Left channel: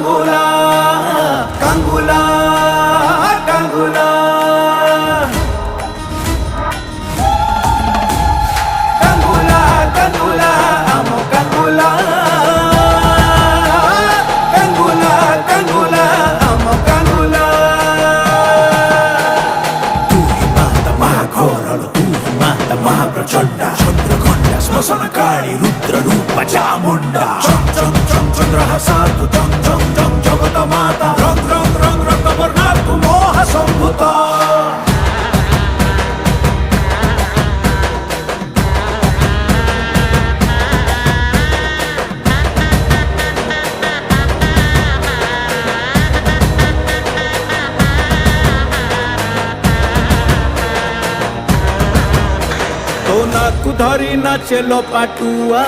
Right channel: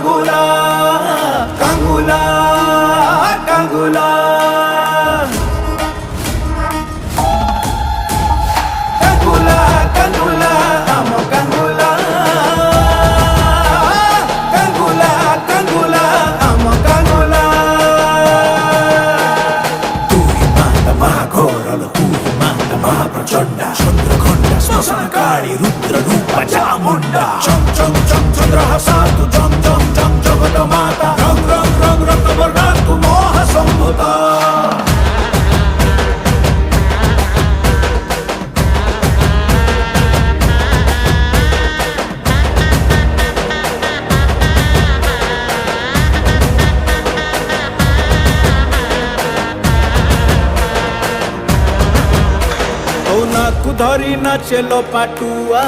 কাঙ্গুলা কাঙ্গুলা কাঙ্গুলা কাঙ্গুলা কাঙ্গুলা আম কাঙ্গুলা কাঙ্গুলা কাঙ্গুলা আম কাঙ্গুলা তুই মাতা মহাঘোরল তুই মাতা মহাপ্রচণ্ডা চন্দ্রঘণ্টা শ্মশান কালী রুদ্র রূপ চামুণ্ডা চম চম চম চন্দ্রহাসা তু জম জম জম জগত মাতা রং রং রং রক্তবর্ণা তু মোহ সম্ভূত तो नाकु धरी नाचेलो पाटुआ